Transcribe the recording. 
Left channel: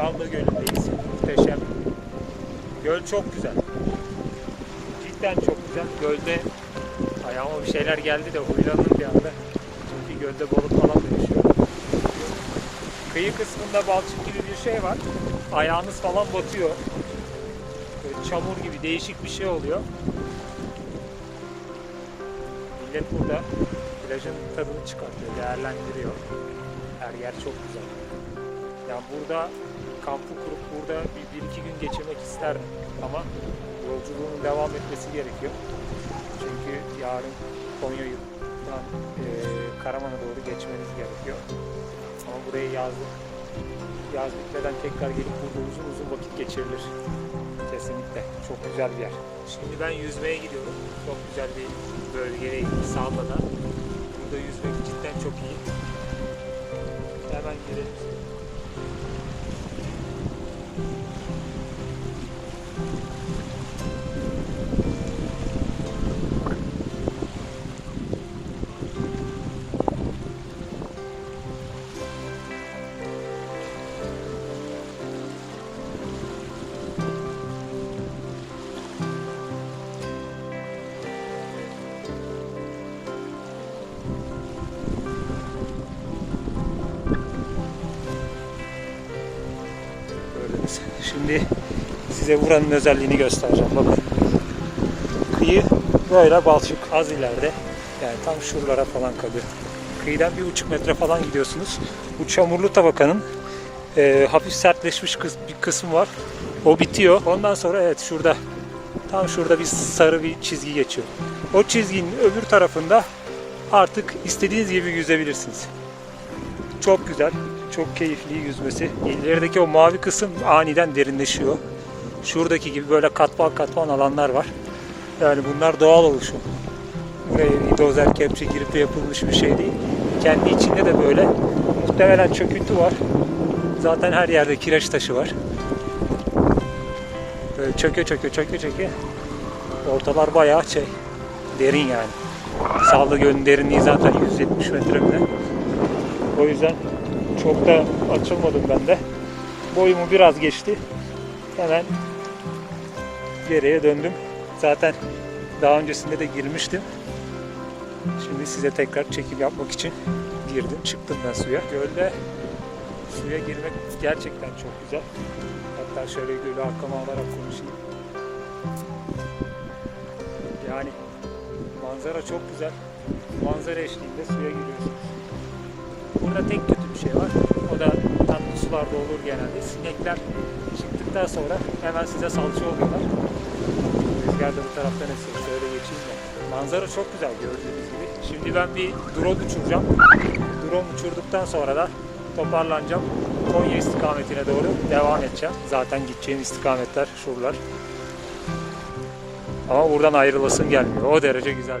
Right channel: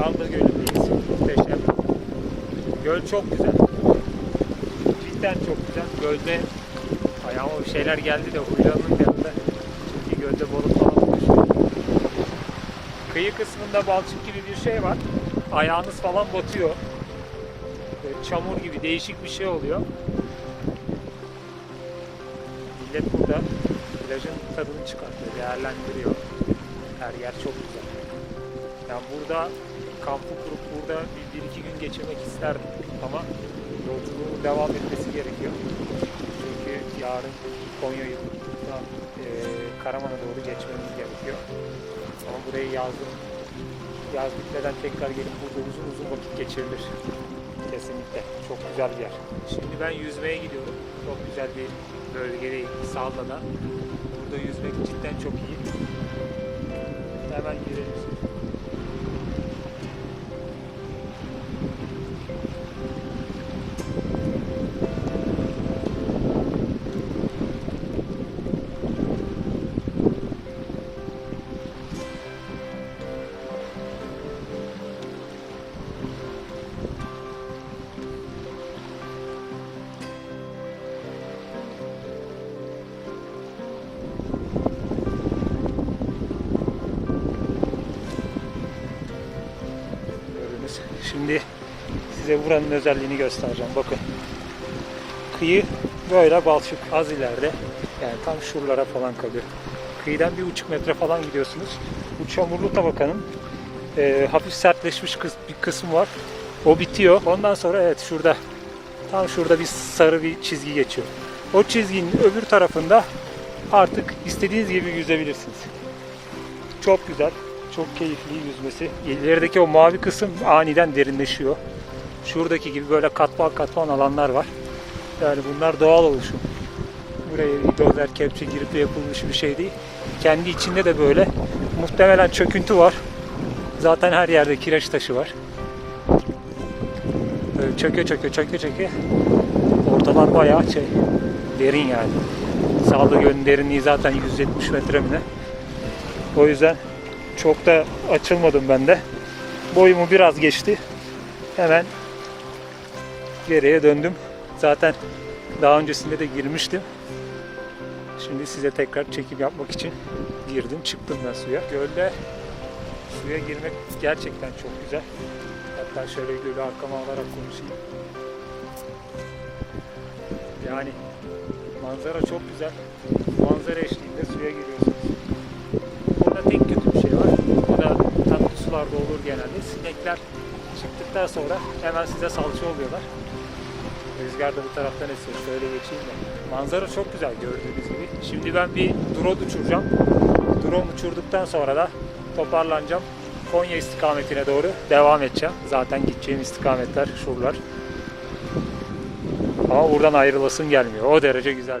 Salda Gölü'ndeyiz. Muhteşem. Göl çok güzel. Cidden çok güzel. Gölde ayağıma bir şeyler geldi de huylandım bir anda. Çünkü gölde balık falan da. Kıyı kısmında balçık gibi bir şey var. Ayağınız falan batıyor. Böyle çamur gibi değişik bir şey oluyor. Millet burada plajın tadını çıkartıyor, değerlendiriyor. Her yer çok güzel. Yani burada kampı kurup burada bir, bir iki gün geçirmek isterdim. Ama yolculuğun devam etmesi gerekiyor. Çünkü yarın Konya'dan e, Karaman'a doğru geçmemiz gerekiyor. Ama burayı yazdım. Yaz bitmeden tekrar gelip burada uzun uzun vakit geçirilir. Kesinlikle. Çok güzel bir yer. Şimdi ben yüzmeye gidiyorum. Çok güzel bir bölgedeyim. Salla'da. Burada yüzmek cidden çok iyi. Hemen girelim. Gördünüz. Şimdi size buranın özelliğini göstereceğim. Bakın. Kıyı böyle balçık az ileride. Yani tam şuralara falan kalıyor. Kıyıdan bir buçuk metre falan gidiyorsunuz. Bu çamurlu tabakanın e, hafif sertleşmiş kıs- bir kısmı var. O bitiyor. Ondan sonra evet şurada tam şurada bir sarı bir çizgi geçiyor. O çizginin öbür tarafında artık istediğiniz gibi yüzebilirsiniz. Çok güzel, çok keyifli yüzmesi. İlerideki o mavi kısım aniden derinleşiyor. Şuradaki gibi böyle katman katman alanlar var. Yani bunlar doğal oluşum. Buraya dozer kepçe girip yapılmış bir şey değil. Kendi içinde de böyle muhtemelen çöküntü var. Zaten her yerde kireç taşı var. Böyle çöke çöke çöke çöke. Ortalar bayağı şey derin yani. Sağlı Gölü'nün derinliği zaten 170 metre mi ne? O yüzden çok da açılmadım ben de. Boyumu biraz geçti. Hemen geriye döndüm. Zaten daha öncesinde de girmiştim. Şimdi size tekrar çekim yapmak için girdim. Çıktım ben suya. Gölde suya girmek gerçekten çok güzel. Hatta şöyle gölü arkama alarak konuşayım. Yani manzara çok güzel. Manzara eşliğinde suya giriyorsun. Burada tek kötü bir şey var. O da tatlı sularda olur genelde. Sinekler çıktıktan sonra hemen size salça oluyorlar. Rüzgar da bu taraftan esiyor. Şöyle geçeyim de. Manzara çok güzel gördüğünüz gibi. Şimdi ben bir drone uçuracağım. Drone uçurduktan sonra da toparlanacağım. Konya istikametine doğru devam edeceğim. Zaten gideceğim istikametler şuralar. Ama buradan ayrılasın gelmiyor. O derece güzel.